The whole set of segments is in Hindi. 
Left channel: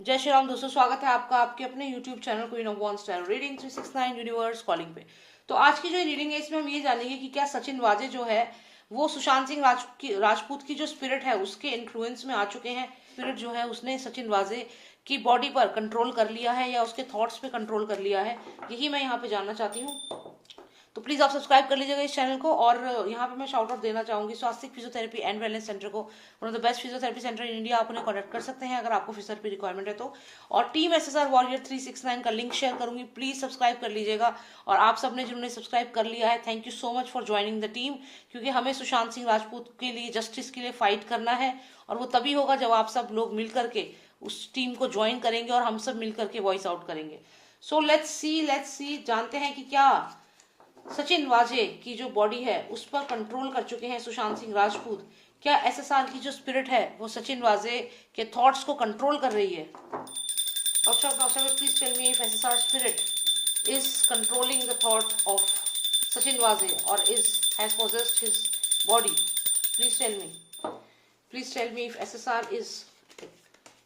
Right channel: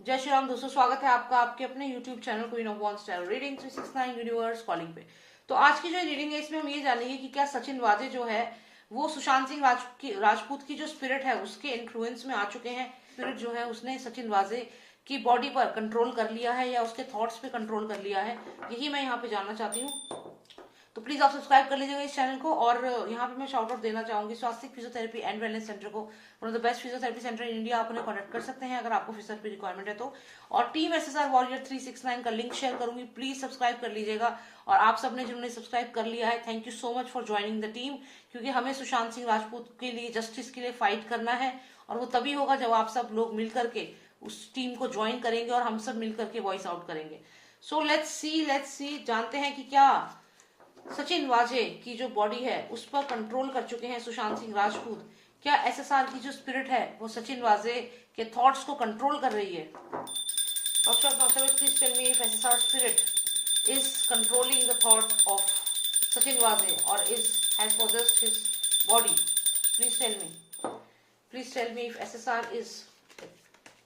जय श्री राम दोस्तों, स्वागत है आपका आपके अपने YouTube channel queen of wands tarot reading 369 universe calling पे। तो आज की जो रीडिंग है इसमें हम ये जानेंगे कि क्या सचिन वाजे जो है वो सुशांत सिंह राजपूत की जो स्पिरिट है उसके इन्फ्लुएंस में आ चुके हैं। स्पिरिट जो है उसने सचिन वाजे की बॉडी पर कंट्रोल कर लिया है या उसके थॉट्स पे कंट्रोल कर लिया है, यही मैं यहाँ पे जानना चाहती हूँ। तो प्लीज आप सब्सक्राइब कर लीजिएगा इस चैनल को। और यहाँ पे मैं शाउट आउट देना चाहूंगी स्वास्थ्य फिजियोथेरेपी एंड वेलनेस सेंटर को, one of the best physiotherapy centre in India. आप उन्हें कॉन्टेक्ट कर सकते हैं अगर आपको फिजियोथेरेपी रिक्वायरमेंट है तो। और टीम एसएसआर वॉरियर 369 का लिंक शेयर करूंगी, प्लीज सब्सक्राइब कर लीजिएगा। और आप सबने जिन्होंने सब्सक्राइब कर लिया है, thank you so much for joining the team, क्योंकि हमें सुशांत सिंह राजपूत के लिए, जस्टिस के लिए फाइट करना है। और वो तभी होगा जब आप सब लोग मिल करके उस टीम को ज्वाइन करेंगे और हम सब मिल करके वॉइस आउट करेंगे। सो लेट्स सी जानते हैं कि क्या सचिन वाजे की जो बॉडी है उस पर कंट्रोल कर चुके हैं सुशांत सिंह राजपूत। क्या एसएसआर की जो स्पिरिट है वो सचिन वाजे के थॉट्स को कंट्रोल कर रही है? Doctor please tell me if SSR spirit is controlling the thought of Sachin Waze और is has possessed his body. Please tell me. Please tell me if SSR is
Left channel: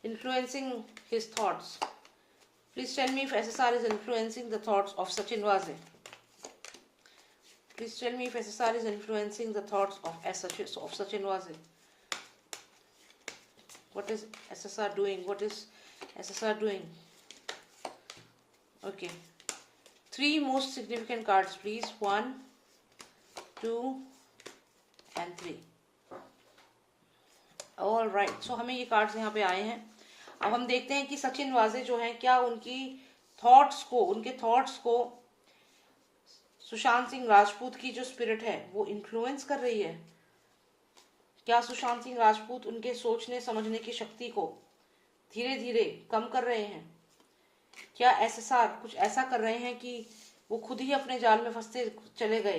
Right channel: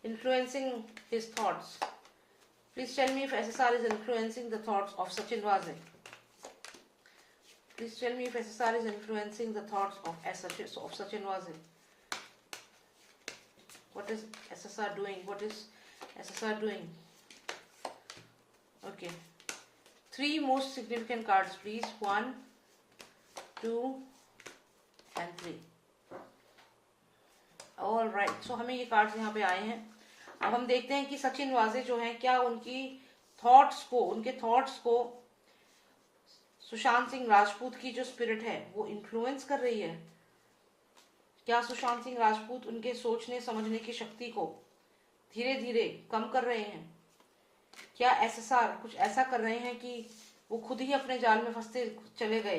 influencing his thoughts. Please tell me if SSR is influencing the thoughts of Sachin Waze. Please tell me if SSR is influencing the thoughts of Sachin Waze. What is SSR doing? What is SSR doing? Okay. 3 most significant cards, please. 1, 2, and 3. All right. So हमें ये कार्ड्स यहाँ पे आए हैं। अब हम देखते हैं कि सचिन वाजे जो हैं क्या उनके थॉट्स को सुशांत सिंह राजपूत की जो स्पिरिट है वो इन्फ्लुएंस कर रही है। क्या सुशांत सिंह राजपूत उनके सोचने समझने की शक्ति को धीरे धीरे कम कर रहे हैं? क्या एसएसआर कुछ ऐसा कर रहे हैं कि वो खुद ही अपने जाल में फंसते चले गए?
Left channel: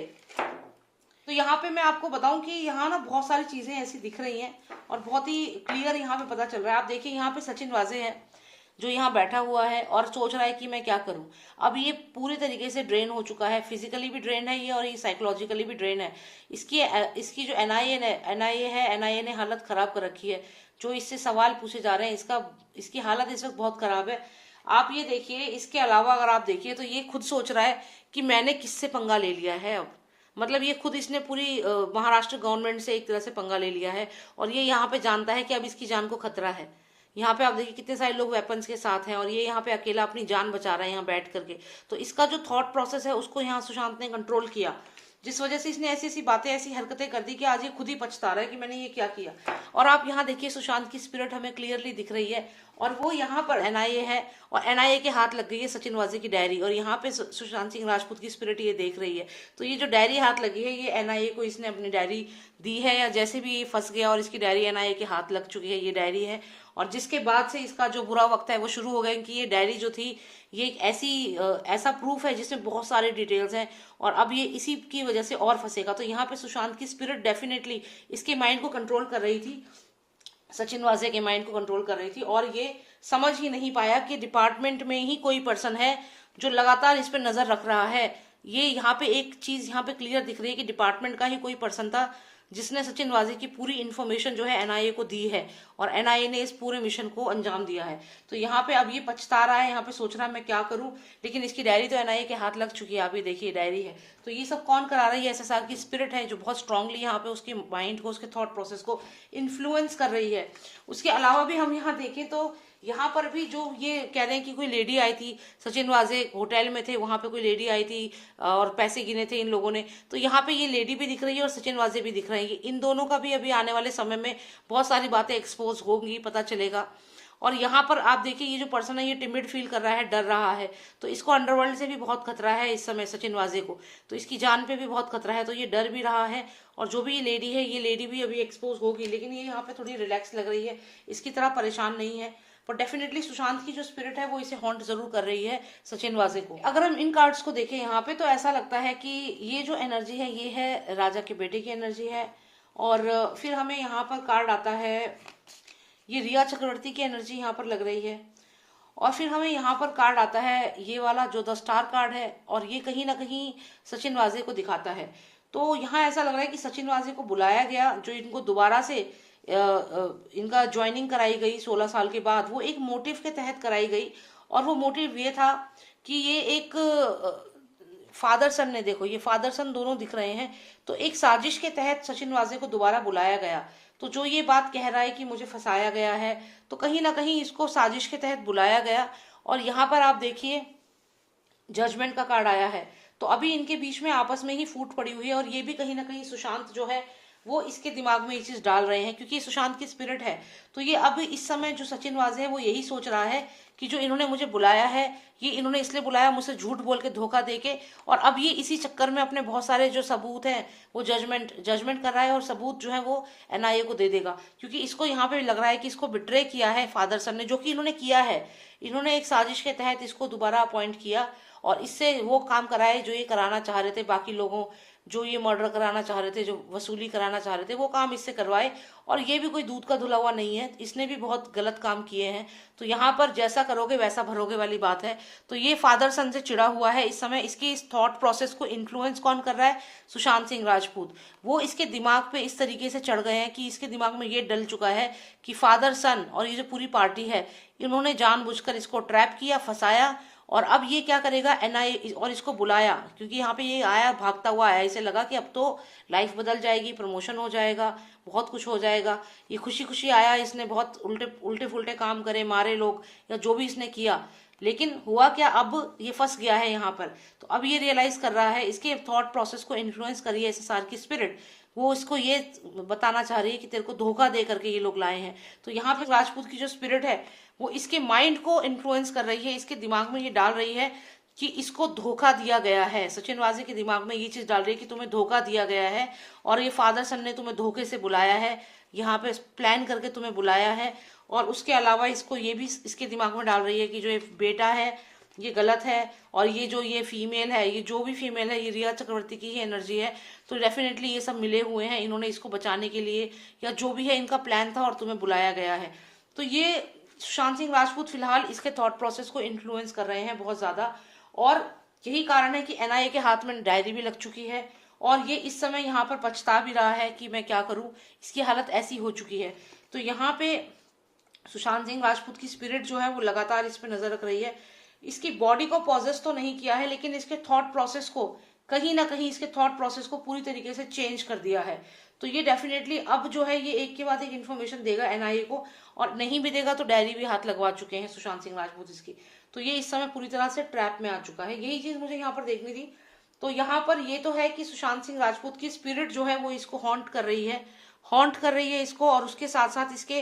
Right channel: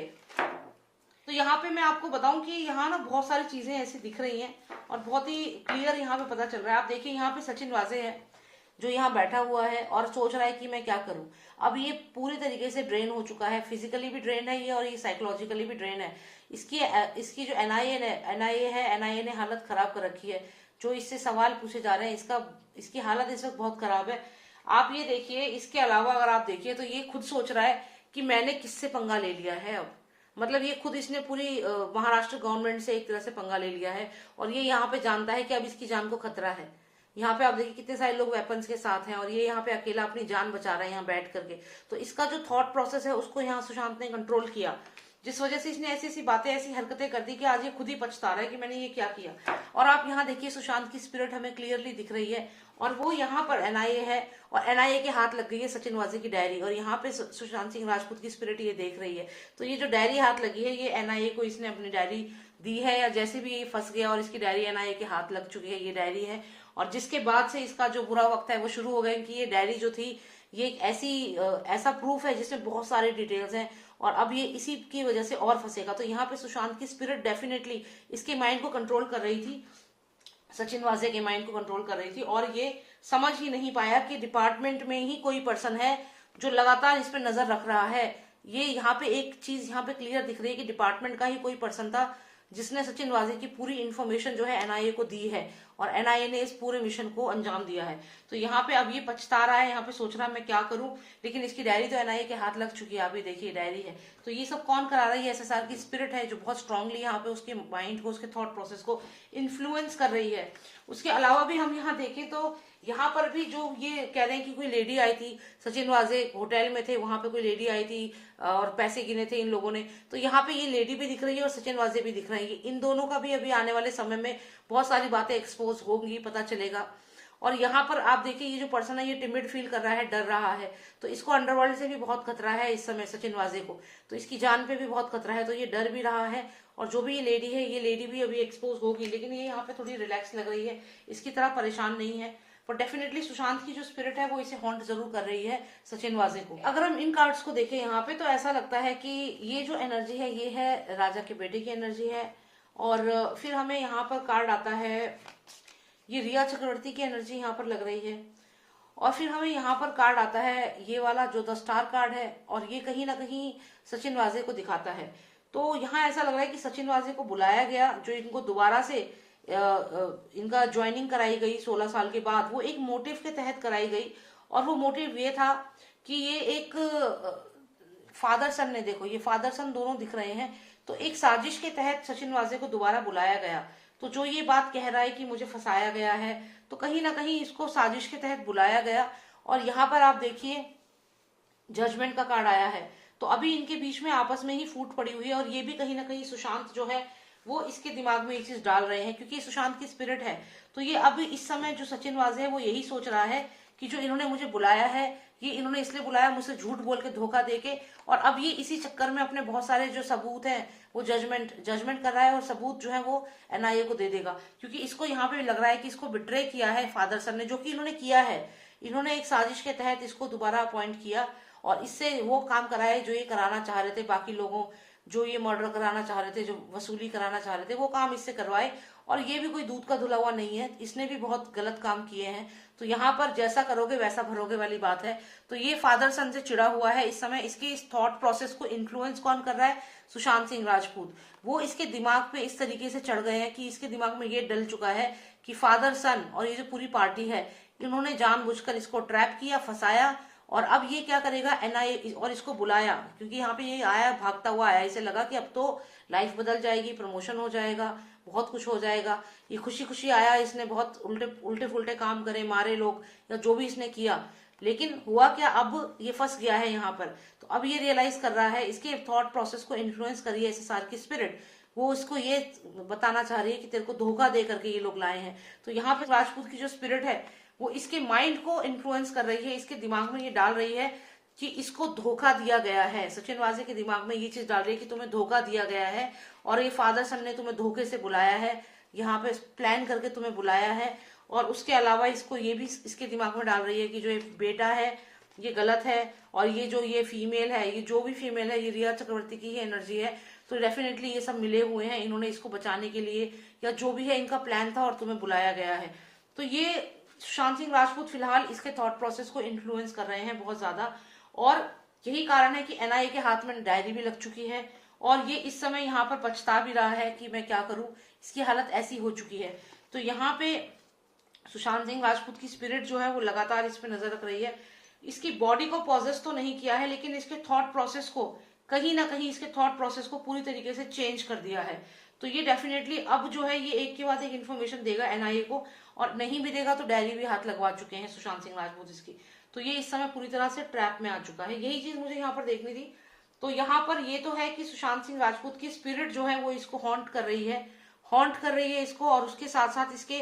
तो यहाँ पे मैं आपको बताऊं कि यहाँ ना बहुत सारी चीजें ऐसी दिख रही हैं और बहुत ही क्लियर यहाँ पे पता चल रहा है। आप देखिए यहाँ पे सचिन वाजे है जो यहाँ बैठा हुआ है और सोच रहा है कि मैं क्या करूं। अब ये पूरी तरीके से ड्रेन हो चुका है, फिजिकली भी ड्रेन है ये और ये साइकोलॉजिकली भी ड्रेन है। इसकी जो एनआईए ने हालत खराब कर रखी है। जो इससे सवाल पूछे जा रहे हैं इसकी हालत इस वक्त बहुत खराब है। आप ये देखिए, इसके अलावा अगर आप देखिए तो ये खुद सोच रहा है कि मैंने किससे पंगा ले लिया है। अब मतलब ये खुद इसने पूरी महाराष्ट्र गवर्नमेंट से एक तरह से पंगा ले लिया है और ये यहाँ पे जानता है कि अब इसकी जान को खतरा है। यहाँ पे आप देखिए कितने सारे लोग वेपन्स के साथ हैं और ये यहाँ पे अकेला अपनी जान बचा रहा है यहाँ बैठ करके। तो इसका जो थॉट प्रोसेस है उसको यहाँ सुशांत ने कंट्रोल किया, जिस वजह से इसने ऐसी ऐसी बातें, ऐसी हरकतें कर दी कि आज ये खुद ही पछता रहा है कि मैंने ये क्या किया। और आप यहाँ देखिए सुशांत की स्पिरिट हमें क्लियरली दिख रही है और वो यहाँ पर एनआईए है और एनआईए के हाथ लग गई है सचिन वाजे की डायरी और यहाँ पे सुशांत सिंह राजपूत की स्पिरिट ये देख रही है। तो ये जो डायरी हाथ लगी है ये एनआईए को इसने अपनी डायरी दी है या जैसे भी ये फंस गया और इसकी डायरी एनआईए के हाथ लग चुकी है, ये डायरी है। और जिसके बाद से इसका जो बुरा वक्त है वो शुरू हो गया कि ये डायरी जो थी ये एक ऐसा प्रूफ है जिसमें बहुत सारे डिटेल्स हैं और अब ये इसी की वजह से और फंसेगा। तो यहाँ पे सुशांत की स्पिरिट डेफिनेटली इसके माइंड को कंट्रोल कर रही थी, सचिन वाजे के माइंड को कंट्रोल कर रही थी और ये समझ ही नहीं पाया कि डिपार्टमेंट में ही कोई पर्सन है जो लगातार इस पर नजर रख रहा है। ये यहाँ पे एक चीज यहाँ पे क्लियर दिख रही है कि डिपार्टमेंट का ही कोई पर्सन था जिसने सचिन वाजे की पूरी इन्फॉर्मेशन जो है एनआईए को दी है और एनआईए ने इस पूरे मिशन को अंजाम दिया है। तो यहाँ पे अब ये पछता रहा है, यहाँ पे सोच रहा है मैं क्या करूं, लेकिन इसकी डायरी तो एनआईए के हाथ लग चुकी है। आप ये देखिए डायरी है। तो ये सब कौन करा रही है? एसएसआर की स्पिरिट है जो बहुत स्ट्रांगली यहाँ पे उसके माइंड को, उसके थॉट प्रोसेस को इन्फ्लुएंस कर रही है। उसके अलावा भी हम यहाँ देखें तो यहाँ पर भी जो ये कह रहे हैं कि कोई लेडी आई थी, सचिन वाजे होटल में थे, वहां पे कोई लेडी आई थी और पैसे गिने थे इन लोगों ने। तो यहाँ पे ये लेडी भी दिख रही है और सचिन वाजे भी दिख रहे हैं। इन दोनों का भी अभी आने वाले समय में बहुत सारी बातें एक्सपोज होंगी, पता चलेगा। और यहाँ पर आप देखिए ये जो पर्सन है ये टिमिड फील कर रहा है, डर रहा है। तो इसको अंडरवर्ल्ड से भी बहुत खतरा है इस समय सचिन वाजे को, तो इसकी जान पे भी बहुत खतरा है। तो ये डर भी रहा है और जो भी ये लेडी है ये लेडी भी अभी एक्सपोज होगी, लेकिन ये यहाँ पे थोड़ी रिलैक्स लग रही है, इसकी तरह परेशान नहीं है। पर डेफिनेटली सुशांत की जो स्पिरिट है वो इसे हॉन्ट जरूर कर रही है सचिन वाजे को। अगर हम इन कार्ड्स को देखें यहाँ पे तो ऐसा लगता है कि ये जो एनर्जी है ये है राजा के बेटे की एनर्जी है। और फिर हमें यहाँ पर कार्ड आता है, ये रिया चक्रवर्ती की एनर्जी यहाँ पर लग रही है। और फिर हमें यहाँ पर कार्ड आता है ये वाला जो द स्टार कार्ड है और ये कहीं ना कहीं सचिन वाजे को दिखाता है। तो यहाँ ऐसा लग रहा है कि सचिन वाजे को बुलाया गया जो इनको दोबारा से इनका ज्वाइनिंग कराई गई 16 साल के बाद, वो एक मोटिव के तहत कराई गई। और वो मोटिव ये था कि ये एक फादर सन ने, देखो ये फादर सन दोनों दिख रहे हैं, तो एक साजिश के तहत सचिन वाजे को दोबारा बुलाया गया। तो जो ये बात कह रहा है कि मुझे फंसाया गया है, तो कहीं ना कहीं इसको साजिश के तहत बुलाया गया। और यहाँ पर आप देखिए जजमेंट का कार्ड आया है, तो अभी इनके बीच में आपस में ही फूट पड़ी हुई है। और ये भी कहीं ना कहीं सुशांत जो है वो इसके दिमाग में ये चीज डाल रहे हैं, क्योंकि सुशांत की स्पिरिट है। तो ये अब इस समय जो सचिन वाजे है वो यही सोच रहा है कि जो इन्होंने मुझे बुलाया है, ये इन्होंने इसलिए बुलाया मुझसे झूठ बोल के, धोखा दे के, और अब ये इसी चक्कर में अपने बहुत सारे जो सबूत हैं वो जजमेंट कर रहा है, और सबूत जो है वो एनआईए को दे देगा। क्योंकि इसको यहाँ पे लग रहा है कि इसको बिट्रे किया है फादर सन ने, जो कि इन्होंने किया है। इन्होंने एक साजिश के तहत इसको दोबारा अपॉइंट किया और इससे वो काम कराए जो ये कराना चाह रहे थे, बाकी लोगों जो ये मर्डर कराना चाह रहे थे, जो वसूली कराना चाह रहे थे, वो काम इससे करवाए। और ये भी कोई दूध का धुला हुआ नहीं है, इसने भी बहुत गलत काम किए हैं। तो यहाँ पर जैसा करोगे वैसा भरोगे वाली बात है। तो ये फादर सन से चिड़ा हुआ है इस समय। इसके इस थॉट प्रोसेस को इन्फ्लुएंस कौन कर रहा है? सुशांत सिंह राजपूत। वो इसके दिमाग पे इस तरीके से चढ़ गए हैं कि इसके दिमाग में ये डल चुका है कि फादर सन और ये जो पूरी पार्टी है, इन्होंने जानबूझकर इसको ट्रैप किया, फंसाया। और अब ये क्या करेगा, एनआईए, और इसको बुलाया क्योंकि यहाँ पे ये आया, भागता हुआ आया। इसे लगा कि अब तो लाइफ बदल जाएगी, प्रमोशन हो जाएगा, बहुत कुछ हो जाएगा। ये खुशी खुशी आया, इसने बहुत उल्टे फुल्टे काम करे, मारे लोग या जो भी इसने किया। लेकिन हुआ क्या, अब ये फंस गया है यहाँ पर। तो अब ये रियलाइज कर रहा है, इसके थॉट प्रोसेस को इन्फ्लुएंस करी है एसएसआर की स्पिरिट। वो इसको ये बताना चाह रही है कि तेरे को धोखा दे करके ये लोग लाए हैं। तो यहाँ पे राजपूत की जो स्पिरिट है वो इसके माइंड को इन्फ्लुएंस कर रही है, इसके दिमाग में ये डाल रही है कि इसको धोखा दिया गया है। सचिन वाजे के दिमाग में ये चीज डाल रही है कि तुम्हें धोखा दिया गया है और ये फादर सन ने तुम्हें धोखे से बुलाया है, यहाँ पे प्लान करके तुम्हें बुलाया है। और उसके अलावा इसको ये भी इसके दिमाग में डाल रही है कि जो ये बेटा है ये गलत है, और ये जो ये फीमेल है, ये जो भी फीमेल है, ये रिया चक्रवर्ती की ही एनर्जी है। तो डेफिनेटली ये सब मिले हुए हैं, इन्होंने इसको बचाने के लिए या जो भी है इनका प्लान था और तुम्हें बुलाया गया है। तो ये सुशांत सिंह राजपूत फिलहाल इसके थॉट प्रोसेस को इन्फ्लुएंस कर रहे हैं बहुत ज्यादा। और यही कारण है कि एनआईए के हाथ में डायरी भी लग चुकी है और ये इस समय यहाँ पर पछता भी रहा है कि मैं क्या करूं, इसकी हालत ऐसी हो चुकी है। तो यहाँ पे सुशांत सिंह राजपूत की स्पिरिट जो है वो लगातार इस पे नजर रख रही है। इसकी बॉडी को पॉजेस तो नहीं किया है, लेकिन इसके थॉट प्रोसेस को कहीं ना कहीं, इसके थॉट प्रोसेस को पूरी तरीके से चेंज कर दिया है। तो ये डेफिनेटली अब जो है ये एक के बाद एक इन्फॉर्मेशन देगा एनआईए को, और नहीं भी देगा तो डायरी भी हाथ लगवा चुके हैं सुशांत सिंह राजपूत इसकी। तो ये इस समय पूरी तरह से ट्रैप में आ चुका है। यही चीज मुझे यहाँ पर देखनी थी। तो यहाँ पर ये तो है कि सुशांत सिंह राजपूत की स्पिरिट जो है वो इसको हॉन्ट कर रही है इसको, और उसके साथ साथ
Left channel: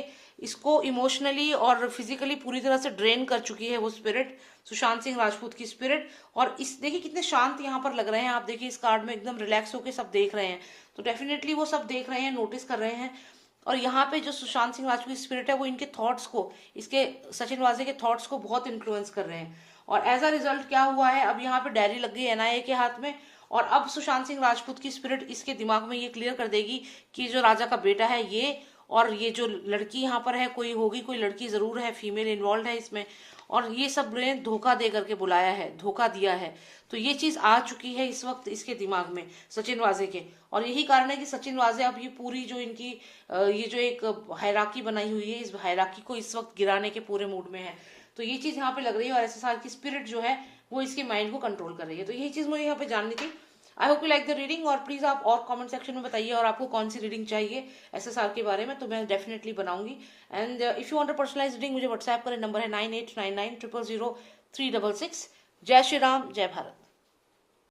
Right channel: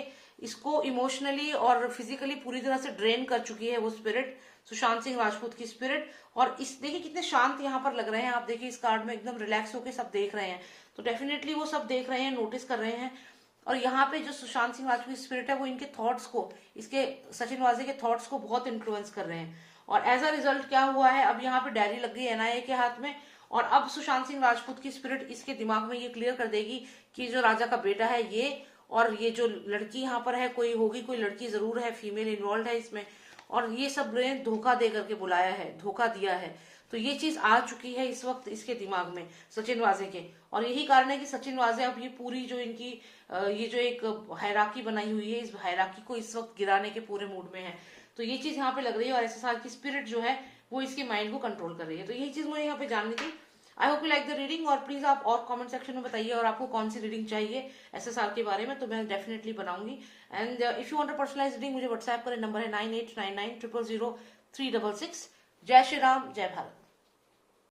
इसको इमोशनली और फिजिकली पूरी तरह से ड्रेन कर चुकी है वो स्पिरिट, सुशांत सिंह राजपूत की स्पिरिट। और इस देखिए कितने शांत यहाँ पर लग रहे हैं, आप देखिए इस कार्ड में एकदम रिलैक्स होकर सब देख रहे हैं। तो डेफिनेटली वो सब देख रहे हैं, नोटिस कर रहे हैं। और यहाँ पे जो सुशांत सिंह राजपूत की स्पिरिट है वो इनके थॉट्स को, इसके सचिन वाजे के थॉट्स को बहुत इन्फ्लुएंस कर रहे हैं। और एज अ रिजल्ट क्या हुआ है, अब यहाँ पे डायरी लग गई एनआईए के हाथ में। और अब सुशांत सिंह राजपूत की स्पिरिट इसके दिमाग में ये क्लियर कर देगी कि जो राजा का बेटा है ये, और ये जो लड़की यहाँ पर है कोई होगी, कोई लड़की जरूर है, फीमेल इन्वॉल्व है इसमें, और ये सब ने धोखा दे करके बुलाया है, धोखा दिया है। तो ये चीज आ चुकी है इस वक्त इसके दिमाग में सचिन वाजे के। और यही कारण है कि सचिन वाजे अब ये पूरी जो इनकी ये जो एक हायरार्की बनाई हुई है, इस हायरार्की को इस वक्त गिराने के पूरे मूड में है। तो ये चीज यहाँ पे लग रही है, और एसएसआर की स्पिरिट जो है वो इसके माइंड को कंट्रोल कर रही है। तो यही चीज मुझे यहाँ पे जाननी थी। I hope you like the reading, और प्लीज आप और कमेंट सेक्शन में बताइए और आपको कौन सी रीडिंग चाहिए एसएसआर के बारे में, तो मैं डेफिनेटली बनाऊंगी। And if you want a personalised reading मुझे व्हाट्सएप करें, नंबर है 9899000366। जय श्री राम, जय भारत।